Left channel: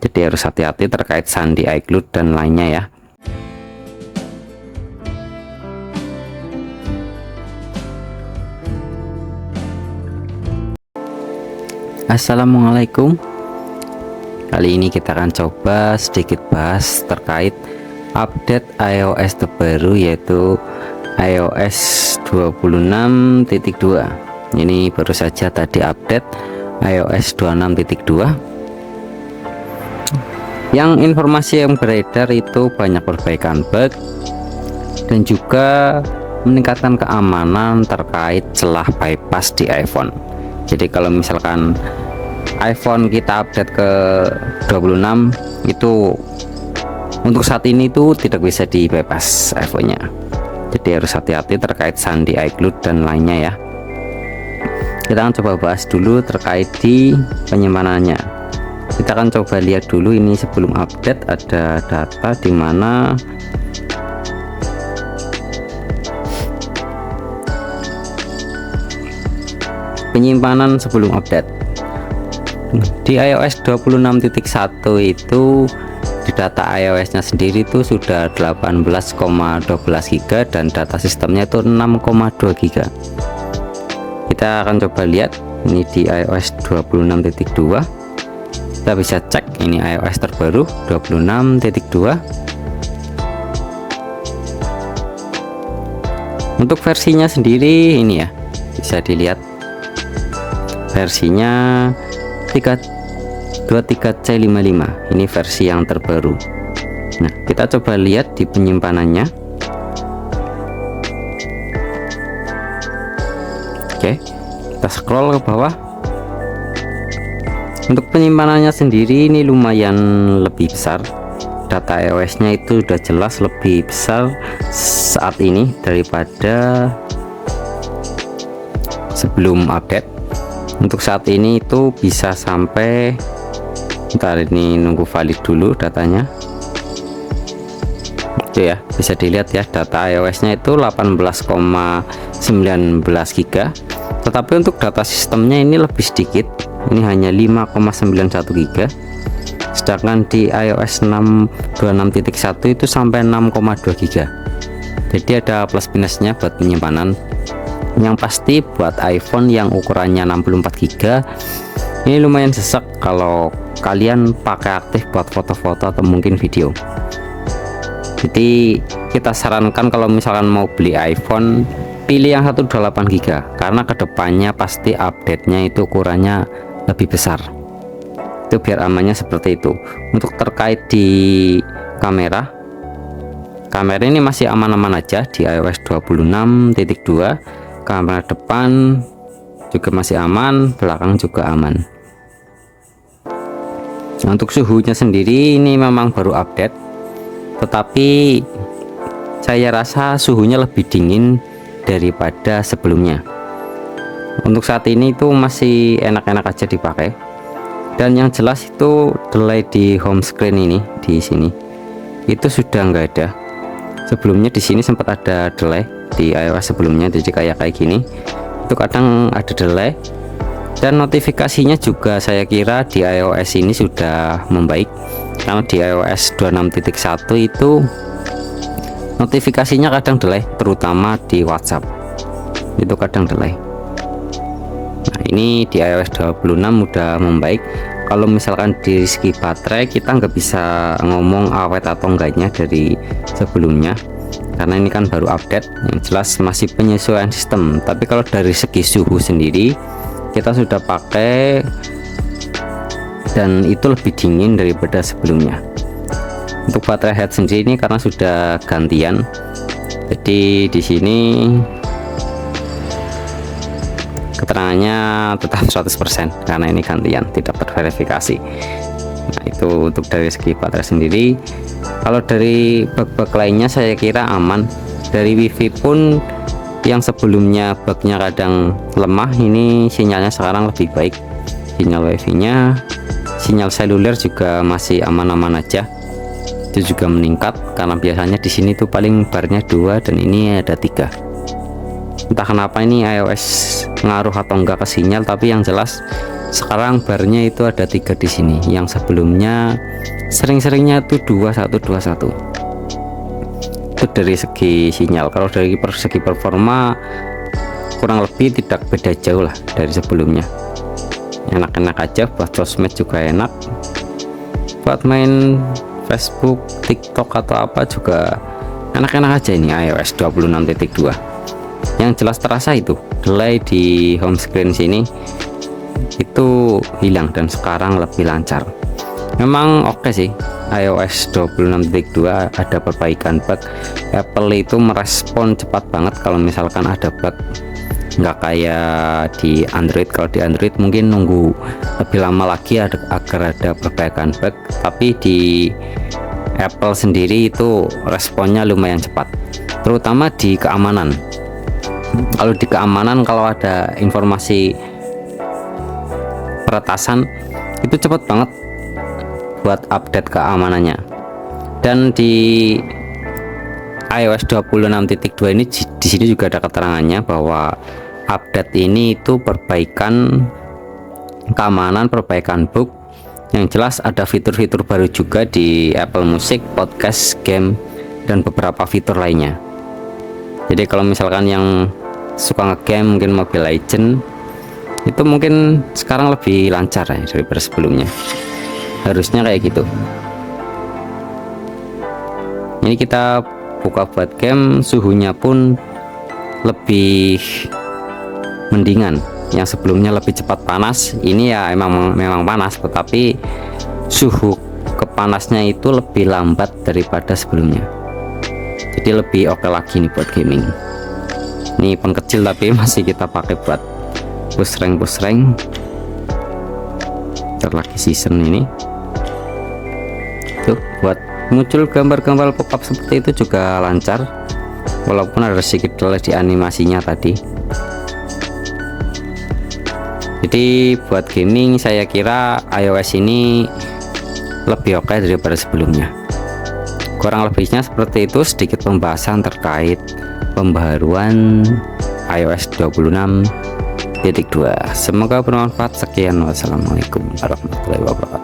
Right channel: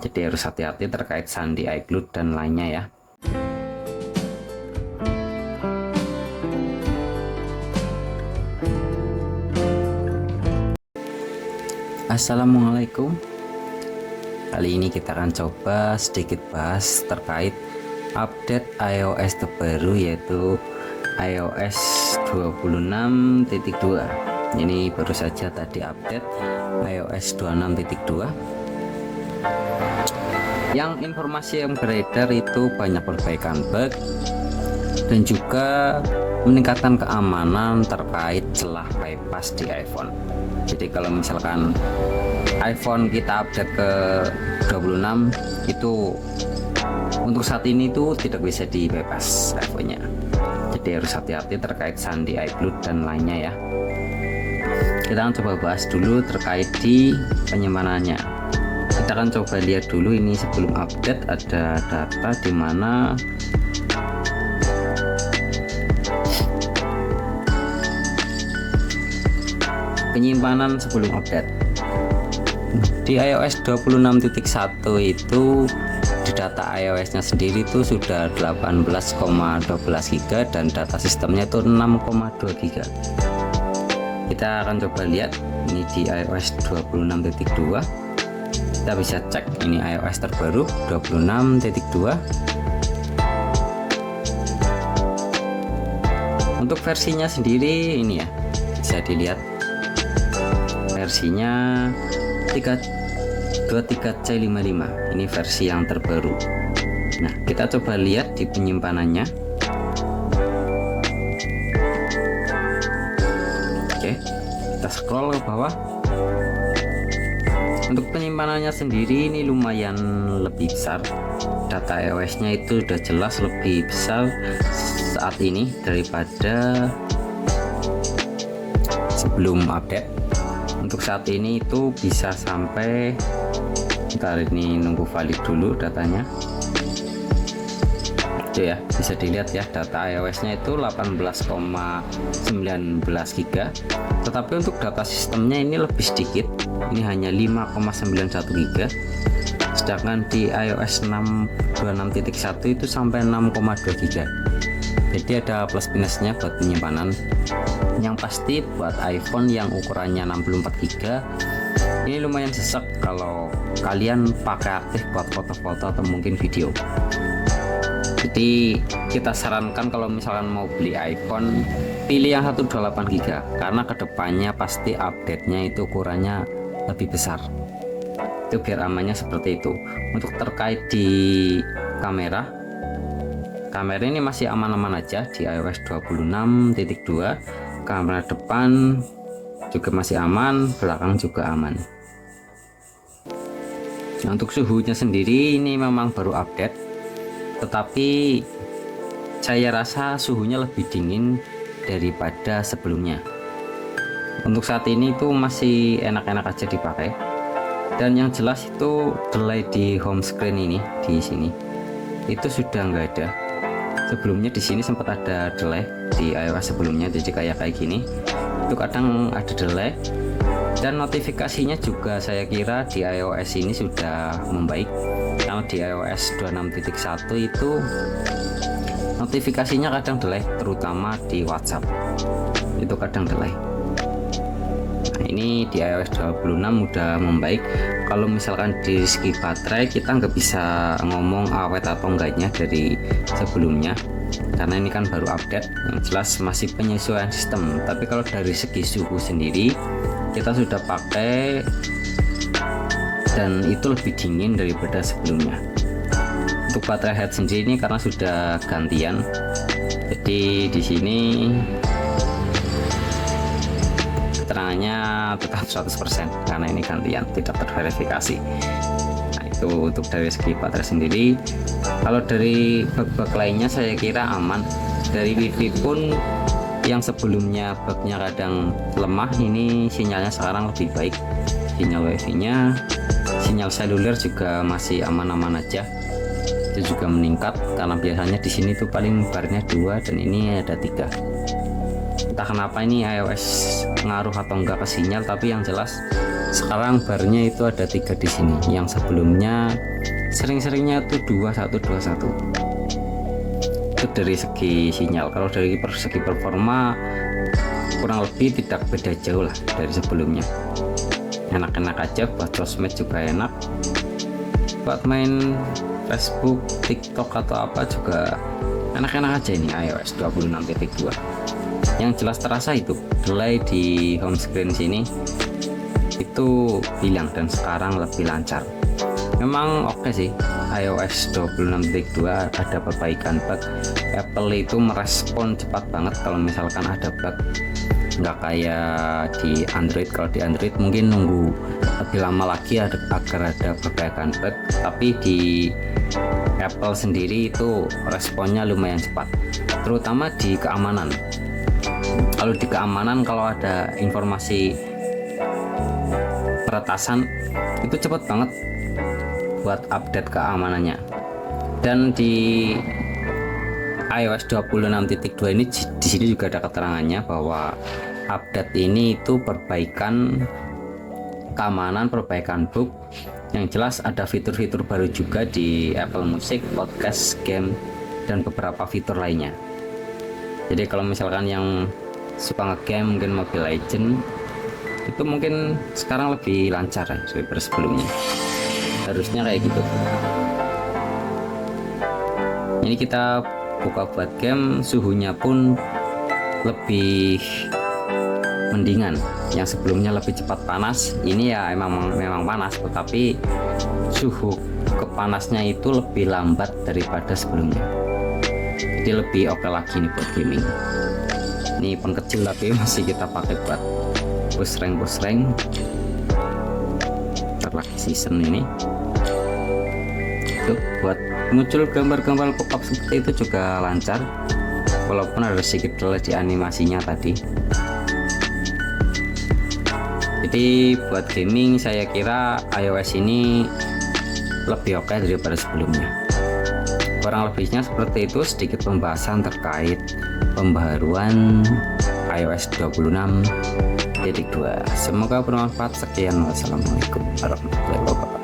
Jadi harus hati-hati terkait sandi iCloud dan lainnya ya. Assalamualaikum. Kali ini kita akan coba sedikit bahas terkait update iOS terbaru, yaitu iOS 26.2. Ini baru saja tadi update iOS 26.2. Yang informasi yang beredar itu banyak perbaikan bug dan juga meningkatkan keamanan terkait celah bypass di iPhone. Jadi kalau misalkan iPhone kita update ke 26 itu untuk saat ini itu tidak bisa di bypass iPhone-nya. Jadi harus hati-hati terkait sandi iCloud dan lainnya ya. Kita akan coba bahas dulu terkait di penyimpanannya. Kita akan coba lihat dulu ini sebelum update ada data di mana penyimpanan sebelum update. Di iOS 26.1 itu di data iOS-nya sendiri itu sudah 18,12 GB dan data sistemnya itu 6,2 GB. Kita akan coba lihat ini di iOS 26.2. Kita bisa cek ini iOS terbaru 26.2. Untuk versinya sendiri ini ya, bisa dilihat versinya 323C55. Ini versi yang terbaru. Nah, kita coba lihat di penyimpanannya. Oke, kita scroll ke bawah. Untuk penyimpanannya sendiri ini lumayan lebih besar. Data iOS-nya itu sudah jelas lebih besar saat ini daripada sebelum update. Untuk saat ini itu bisa sampai, bentar ini nunggu valid dulu datanya. Oke ya, bisa dilihat ya data iOS-nya itu 18,19 GB. Tetapi untuk data sistemnya ini lebih sedikit. Ini hanya 5,91 GB. Sedangkan di iOS 26.1 itu sampai 6,2 GB. Jadi ada plus minusnya buat penyimpanan. Yang pasti buat iPhone yang ukurannya 64 GB ini lumayan sesak kalau kalian pakai aktif buat foto-foto atau mungkin video. Jadi kita sarankan kalau misalkan mau beli iPhone, pilih yang 128 GB karena kedepannya pasti update-nya itu ukurannya lebih besar. Itu biar amannya seperti itu. Untuk terkait di kamera ini masih aman-aman aja di iOS 26.2. Kamera depan juga masih aman, belakang juga aman. Nah, untuk suhunya sendiri ini memang baru update, tetapi saya rasa suhunya lebih dingin daripada sebelumnya. Untuk saat ini itu masih enak-enak aja dipakai. Dan yang jelas itu delay di home screen ini di sini itu sudah nggak ada. Sebelumnya di sini sempat ada delay di iOS sebelumnya, jadi kayak gini itu kadang ada delay. Dan notifikasinya juga saya kira di iOS ini sudah membaik, karena di iOS 26.1 itu notifikasinya kadang delay, terutama di WhatsApp itu kadang delay. Nah, ini di iOS 26 udah membaik. Kalau misalkan di segi baterai kita nggak bisa ngomong awet atau enggaknya dari sebelumnya, karena ini kan baru update. Yang jelas masih penyesuaian sistem. Tapi kalau dari segi suhu sendiri kita sudah pakai dan itu lebih dingin daripada sebelumnya. Untuk baterai head sendiri ini karena sudah gantian, jadi di sini keterangannya tetap 100% karena ini gantian, tidak terverifikasi. Nah, itu untuk dari segi baterai sendiri. Kalau dari bug-bug lainnya saya kira aman. Dari WiFi pun yang sebelumnya bugnya kadang lemah, ini sinyalnya sekarang lebih baik. Sinyal WiFi nya, sinyal seluler juga masih aman-aman aja. Itu juga meningkat karena biasanya di sini tuh paling barnya 2 dan ini ada 3. Entah kenapa ini iOS ngaruh atau enggak ke sinyal, tapi yang jelas sekarang barnya itu ada 3 di sini. Yang sebelumnya sering-seringnya itu 2121. Itu dari segi sinyal. Kalau dari segi performa kurang lebih tidak beda jauh lah dari sebelumnya. Enak-enak aja, buat sosmed juga enak, buat main Facebook, TikTok atau apa juga enak-enak aja ini iOS 26.2. Yang jelas terasa itu delay di home screen sini itu hilang dan sekarang lebih lancar. Memang oke sih, iOS 26.2 ada perbaikan bug. Apple itu merespon cepat banget kalau misalkan ada bug, nggak kayak di Android. Kalau di Android mungkin nunggu lebih lama lagi agar ada perbaikan bug, tapi di Apple sendiri itu responnya lumayan cepat, terutama di keamanan. Kalau di keamanan, kalau ada informasi peretasan itu cepat banget buat update keamanannya. Dan di iOS 26.2 ini di sini juga ada keterangannya bahwa update ini itu perbaikan keamanan, perbaikan bug. Yang jelas ada fitur-fitur baru juga di Apple Music, podcast, game, dan beberapa fitur lainnya. Jadi kalau misalkan yang suka ngegame, mungkin Mobile Legends, itu mungkin sekarang lebih lancar ya daripada sebelumnya. Harusnya kayak gitu. Ini kita buka buat game, suhunya pun lebih mendingan. Yang sebelumnya lebih cepat panas, ini ya memang panas, tetapi suhu kepanasnya itu lebih lambat daripada sebelumnya. Jadi lebih oke lagi nih buat gaming. Ini pun kecil tapi masih kita pakai buat push rank. Lagi season ini tuh, buat muncul gambar-gambar pop-up seperti itu juga lancar, walaupun ada sedikit delay di animasinya tadi. Jadi buat gaming saya kira iOS ini lebih oke daripada sebelumnya. Kurang lebihnya seperti itu, sedikit pembahasan terkait pembaharuan iOS 26.2. Semoga bermanfaat. Sekian, wassalamualaikum warahmatullahi wabarakatuh.